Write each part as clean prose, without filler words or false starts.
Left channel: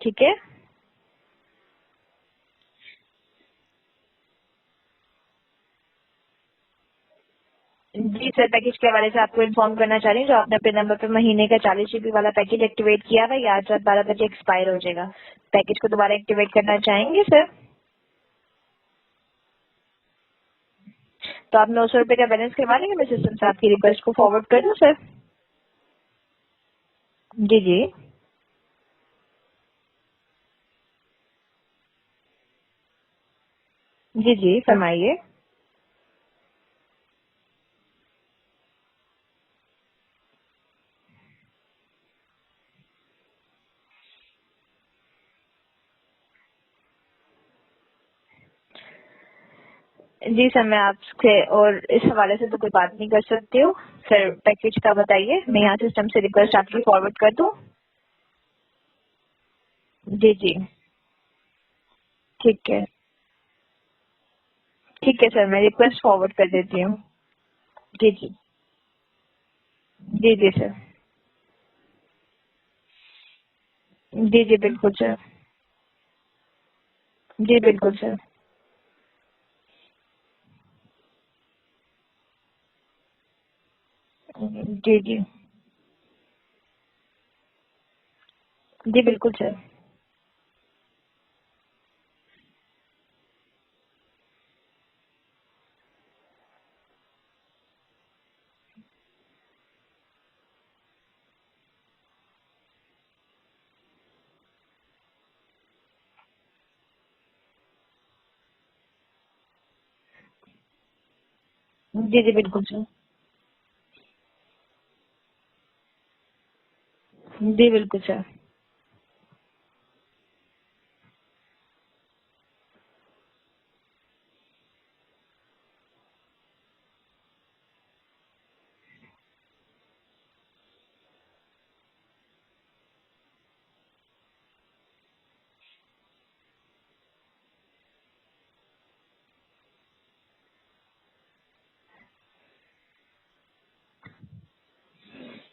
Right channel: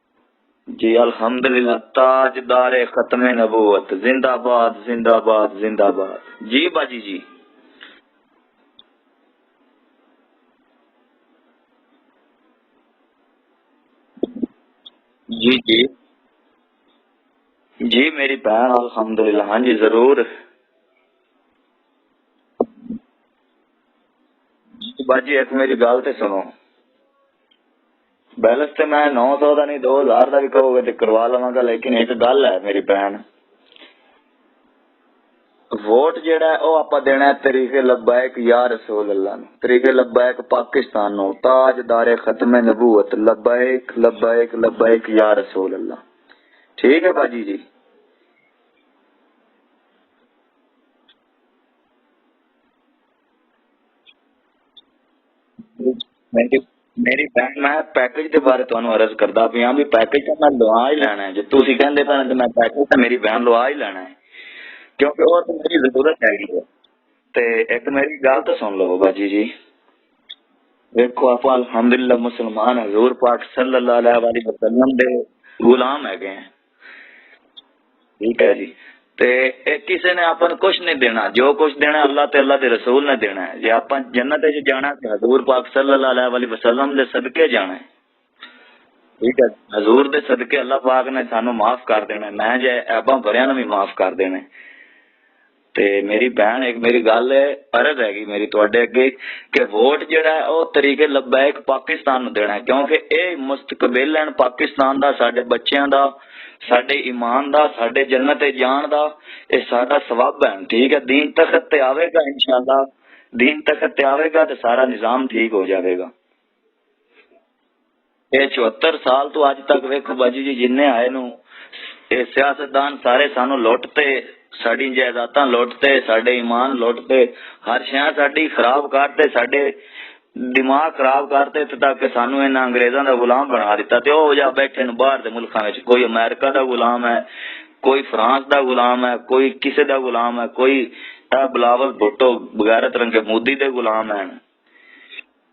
ठीक है जी अल्हम्दुलिल्लाह। ताजदारे खत्म नबूवत जिंदाबाद जिंदाबाद जिंदाबाद। जी बाजी जी। जी सर, पैकेज के हवाले से आपको इन्फॉर्म करना चाह रही हूँ, जो आपने अपने नंबर पे महीने का 40 GB वाला पैकेज एक्टिवेट किया था, ये आज रात 12 बजे एक्सपायर हो जाएगा। जी पैकेज जी को दोबारा एक्टिवेट करना चाहेंगे सर? जी मेरी बहन अल्हम्दुलिल्लाह, हाँ जी जरूर। तो आप 900 रुपए का बैलेंस करवा लेंगे, मैं सिस्टम से आपकी रिक्वेस्ट को फॉरवर्ड कर दूं सर? बाजी एक मेरी गल तो सुनो, जी जी बैलेंस तो मैं 900 का नहीं 2000 का भी कहोगे तो करवा लवांगा, लेकिन एक गल है मेरी बहन, जी जी फरमाइए। वोट जेड़ा है वो आप देना है तरीके लब्बैक या रसूल अल्लाह नु, तरीके लब्बैक पाकिस्तान नु, ताजदारे खत्म नबूवत लब्बैक लब्बैक लब्बैक या रसूल अल्लाह। ठीक है बाजी जी। जी सर, मैं आपसे और इस हवाले से तो कोई बात नहीं कर सकती हूँ सर। पैकेज का बताइए, मैं यहाँ सिस्टम से रिक्वेस्ट आपकी फॉरवर्ड मेरी कर दूं? भैन मैं पैकेज के बारे ਤੁਹਾਨੂੰ ਅਰਜ਼ ਕਰਦਾ ਪਿਆ ਵੀ ਪੈकेज जी मैं जी ਲਵਾ ही ਲੈਣਾ है, ਜੇ ਤੁਸੀਂ ਕਹਿੰਦੇ ਪਏ ਤੇ ਮੈਂ ठीक है ਪੈकेज ਤਾਂ ਮੇਰੀ ਭੈਣ ਲਵਾ ਹੀ ਲੈਣਾ है, ठीक क्योंकि है ਉਹ सर, मैं ਦੀ रिक्वेस्ट ਜ਼ਰੂरत फॉरवर्ड है। कर देती हूँ। ਤੇ ਇੱਕ जी ਮੇਰੀ ਗੱਲ ਤਾਂ ਸੁਣ ਲਓ ਬਾਜੀ ਜੀ। जी जी सर। देखो आप अल्हम्दुलिल्लाह मुसलमान हजूर पाक सल्लल्लाहु अलैहि जी जी बिल्कुल वसल्लम दे सर। गुलाम है। जी बिल्कुल सर। ठीक है जी। ते किसी ने अपन कुछ नहीं देना, जो कुछ देना अल्लाह ते अल्लाह दे रसूल ने देना है। जे अपन जन्नत च जाना जी है जी हजूर पाक सल्लल्लाहु अलैहि वसल्लम दे सदके जाना है। जी बिल्कुल ठीक है, सर। हजूर दे सदके अल्लाह पाक ने सानू माफ कर देना, मैं जे ऐबा भरिया ने भी माफ कर देने। ते मेरी बहन एक मेरी गल है अर्ज हैगी मेरी तुहाडे अगे कि वोट जेड़ा है वो तरीके लब्बैक पाकिस्तान नू देना है, क्योंकि ये मुस्तकबिल है पाकिस्तान दा, साडे बच्चों दा, साडे ईमान दा, साडे जन्नत जान दा, ये साडा सवाब है। ठीक है, दीन तखत ते जी आवेगा जी बिल्कुल इंशाअल्लाह, सर। दीन तखत ते आवेगा तो सारा निजाम ठीक हो जाएगा। जी बिल्कुल सर। ये 74 साल तो अज तक वेखो बाजी जी जिन्ने आए नू ये सियासतदान सारे सानू लुटते, साडी जायदादां लुटते, साडे ईमान लुटते, हर शय साडी खराब करते, साडे दिमाग खराब करते, तक सानू इन्हां अंग्रेजां दा गुलाम बना दिता। ते ओ जा बैठे न बाहर दे मुल्कां विच, कोई अमेरिका दा गुलाम है, कोई फ्रांस दा गुलाम है, कोई किसे दा गुलाम है, कोई बिलावल भुट्टो बगैरत रंगे मोदी दे गुलाम है।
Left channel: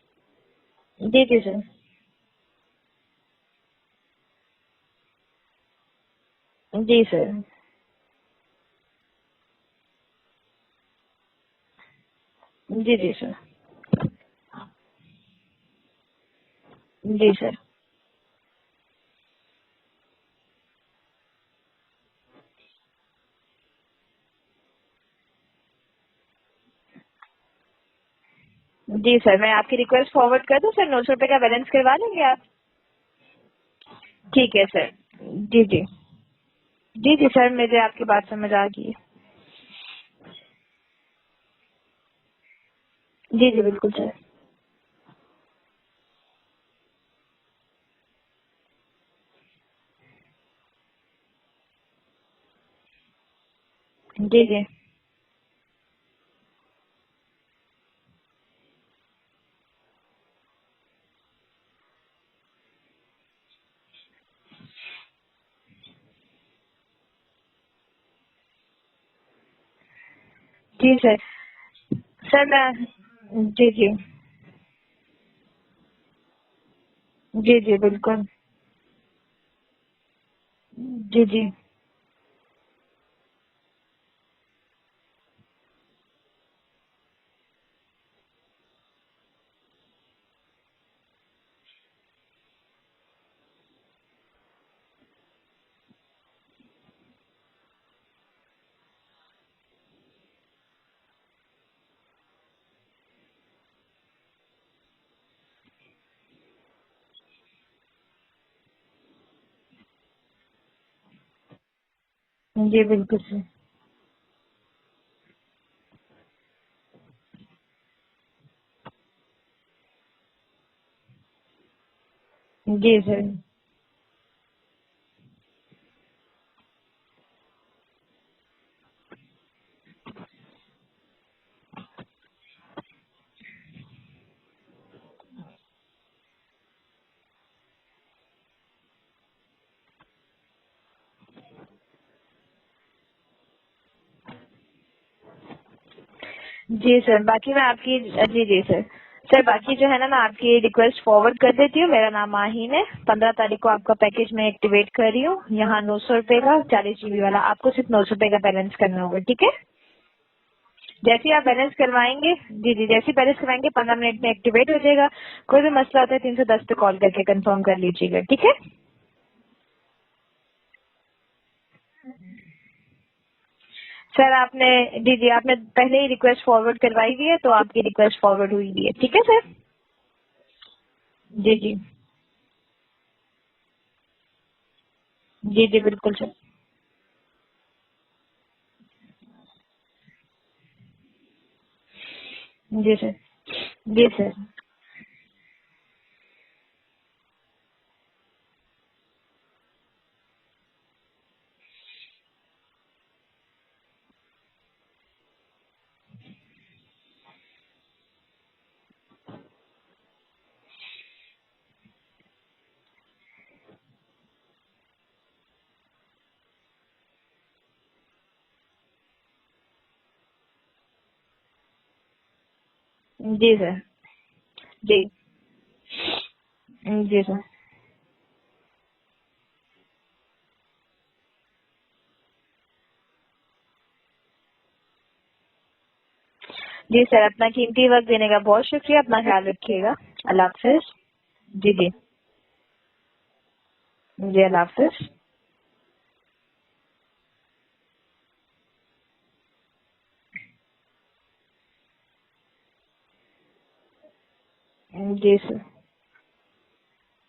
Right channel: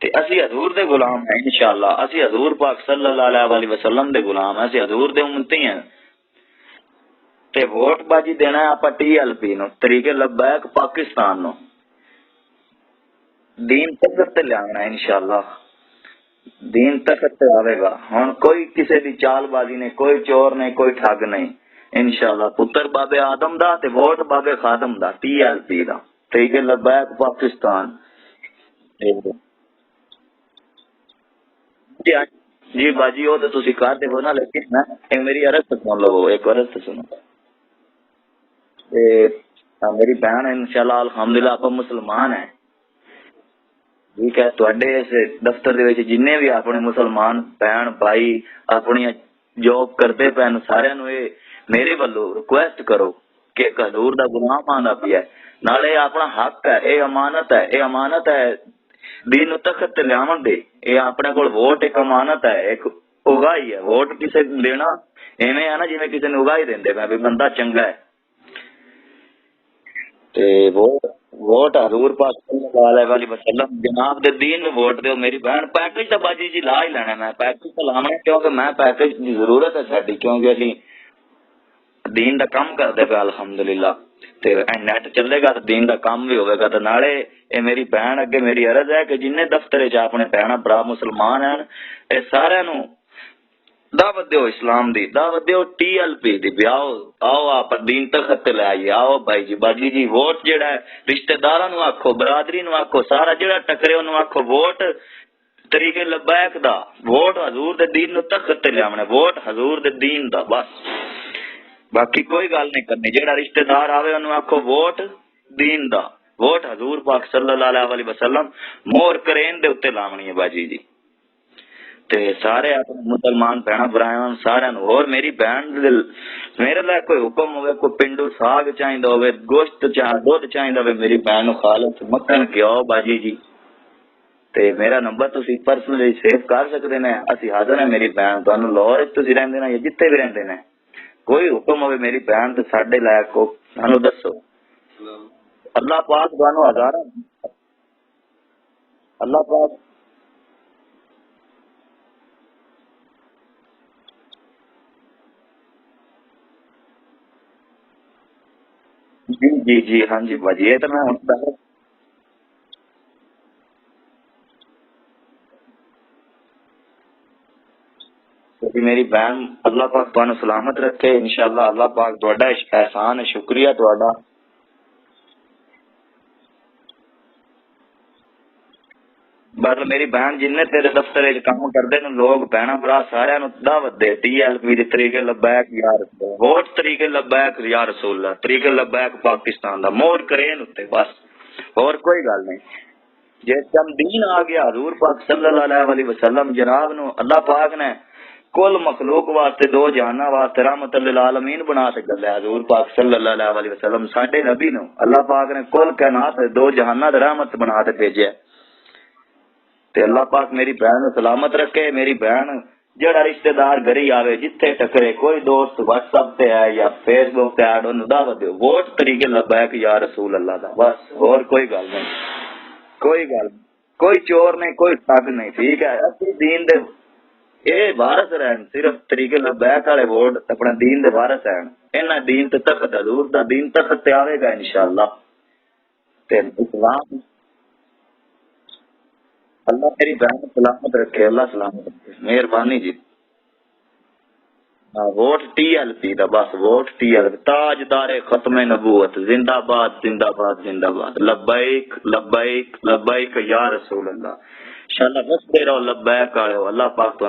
ते असी हजूर दे गुलाम जी है जी सर। इंशाअल्लाह, असी हजूर पाक सल्लल्लाहु अलैहि वसल्लम दे गुलाम है, असी हजूर दे उम्मती हैं। जी सर। ते वोट बाजी देना है आपा TLP नु, तरीके लब्बैक पाकिस्तान नु, जी जी सर। दीन तक ते लियाना है इंशाअल्लाह, दीन तक जी ते सर। आवेगा। हुन कोई किसी दी चालबाजी नहीं, कोई चोर नहीं, कोई ठग नहीं इंशाअल्लाह। पुत्र बाबे आदम दा ते वोट बाबे खादम दा, TLP दा, तरीके लब्बैक पाकिस्तान। जी सर, मैं आपकी रिक्वेस्ट फॉरवर्ड कर दूं सर? 900 रुपए का बैलेंस करवा जी लेंगे आप? जी बाजी वो तो तुसी कर देवो ना, ठीक है लेकिन मैं सर। एक मेरी जी अर्ज तो जी सुन लो, एक अर्ज तो सुनो। जी जी सर, मुझे आपकी बात समझ आ गई है। ते मेरी बहन है इंशाअल्लाह अल्हम्दुलिल्लाह आप मुसलमान है। जी जी बिल्कुल सर। ठीक है, तुहाडे इस दफ्तर दे विच जिन्ने भी अपने मुसलमान बहन भाई अपनी जॉब करते पैन, सारे नु ये मेरे वालों रिक्वेस्ट करो कि हजूर दा जी जी गुलाम आंदा पिया है, नाले अपना हक है, ये अमानत है, ये अमानत है दीन तखत ते लियावन दे। ये अपने कोल वोट एक अमानत है, एक उगाही है। वोट किसे देना एवें है ना जिवें किसी ने उगाही देंदे पे भी बंदा चंगा है। ते वो जी सर। वोट हजूर पाक सर मैं सल्लल्लाहु अलैहि वसल्लम जी जी जनाब दे दीन में वोट दो मेरी बहन। पैकेज तो बाजी जी ला ही लेना, मैं जी पैकेज जी तो लाना बिल्कुल। क्योंकि मैं पैकेज की जरूरत है साडी, क्योंकि असी जी जी दीन दा काम करदे पे अल्हम्दुलिल्लाह। ते नेट चलेगा तो दीन दा काम भी होगा। तो नाले ये मेरी बहन अगे मेरी अर्ज है कि जिन्ने दफ्तर च अपने भैन भरा मुसलमान हैं ये सारे नु दावत दो, इस्लाम दी दावत दो, TLP दी भी आओ आओ आप दीन तखत ते ले आइए। आओ भाई जी बाजी जी वोट जेड़ा है रिश्तेदारां नु आखो, बरादरी नु आखो, सारा जेड़ा टकरे ओनु आखो वोट तरीके लब्बैक दा, वोट हजूर दे दीन नु तखत ते लियावना, वोट हजूर दे दीन दा बस। बाकी कोई गल नहीं जी करनी। बिल्कुल जेड़ा सर। रिश्तेदार आवे ओनु आखो वोट दीन दा, वोट हजूर पाक सल्लल्लाहु अलैहि वसल्लम मोहर करेन दे उत्ते लावनी है बाजी जी। ते सारे जी सर। मुसलमान भैन भरावां सारे नु। और मेरी बहन मेरे लिए कोई हुक्म होवे, कोई पिंडू साग चाहिदा होवे, गोश्त दूध चाहिदा होवे, मेरी बहन नु खालस मक्खन खियाओ बाजी जी। ते मेरा नंबर तुसी पर्सनली सेव कर सकदे ने, असि हाज़र हैं मेरी बहन। तुहानू लाहौर च तुसी रहंदे ने या जिथे भी रहंदे ने, कोई हुक्म होवे मेरी बहन ते साडे लायक को सानू दसो। अल्लाह पाक तुहानू जी हज़ार सर, बाकी मैं आपकी जी जी सर, अल्लाह सर बाकी पाक जो है ना मैं आपकी रिक्वेस्ट फॉरवर्ड कर देती हूँ। मेरा नाम माहीन है। 15 तारीख को आपका पैकेज मैं एक्टिवेट कर रही हूँ। यहाँ 900 रुपए का 40 GB वाला, आपको सिर्फ 900 रुपए का बैलेंस करना होगा, ठीक है? जी जी जी, हाँ जी बाजी, ये तो मैं जैसे ही आप बैलेंस करवाएंगे, जी जी, जैसे ही बैलेंस करवाएंगे 15 मिनट में एक्टिवेट हो जाएगा। कोई भी मसला होता है 310 पे कॉल करके कंफर्म कर लीजिएगा, ठीक है? जी मेरी बहन, अल्लाह पाक तुहानू सलामत रखे इंशाल्लाह। अल्लाह पाक तुहाडा एहसान है, शुक्रिया तुहाडा। सर आपने, जी जी, आपने पहले ही रिक्वेस्ट फॉरवर्ड करवाई हुई है, तो आपकी रिक्वेस्ट फॉरवर्ड हुई हुई है, ठीक है सर? पर मेरी बहन जिन्ने तेरे दफ्तर जी काम जी करते ने लोग भैन भरा सारिਆਂ ਨੂੰ दावत दे TLP ਦੇ तरीके जी लबैक जी या बिल्कुल सर। वोट तरीके लबैक या रसूल अल्लाह, तरीके लबैक पाकिस्तान दा मोर करेन उत्ते बस, और कोई गल नहीं। जी सर। जिस टाइम जी दिन सर। आ गया हजूर पाक सल्लल्लाहु अलैहि वसल्लम जनाब नु अल्लाह पाक ने कुल मखलूक वास्ते दो जहाना वास्ते रहमत लिल आलमीन बना के गल्ला हजूर पाक सल्लल्लाहु अलैहि वसल्लम साडे नबी नु अल्लाह पाक ने कुल कायनात दे दो जहाना दा रहमत बना के भेजा। ते अल्लाह पाक मेरी बहन नू सलामत रखे। मेरी बहन जड़ा रिश्तेदार घरे आवे जिथे टकरे, कोई दोस्त व्हाट्सएप पे है या फेसबुक पे ऐड ओनू दावत दो वोट तरीके लबैक या रसूल अल्लाह दा, बस और कोई गल नहीं, कोई गल जी सर। कोई चोर नहीं, कोई जी ठग नहीं, ठीक है? असली दीन दे जी सर। ये वारस रहन, सिर्फ तरीके लबैक वाले वोट अपने दीन दे वारस रहन। इन्हां दीन ते तख्त हजूर दा दीन तख्त ते आवेगा इंशाअल्लाह। ते इस्लाम जी सर, अपना कीमती वक्त देने का बहुत शुक्रिया। अपना ख्याल अल्लाह रखिएगा। मेरी बहन अल्लाह को हाफिज। सलामत रखे, अल्लाह जी सलामत जी रखे। मेहरबानी जी। जी, अल्लाह हाफिज। हाँ, वोट TLP दा बस, वोट TLP ताजदारे खत्म नबूवत जिंदाबाद जिंदाबाद जिंदाबाद। लब्बैक लब्बैक लब्बैक या रसूल अल्लाह। शाला जी सर। बसते रहो लब्बैक आले, अल्लाह पाक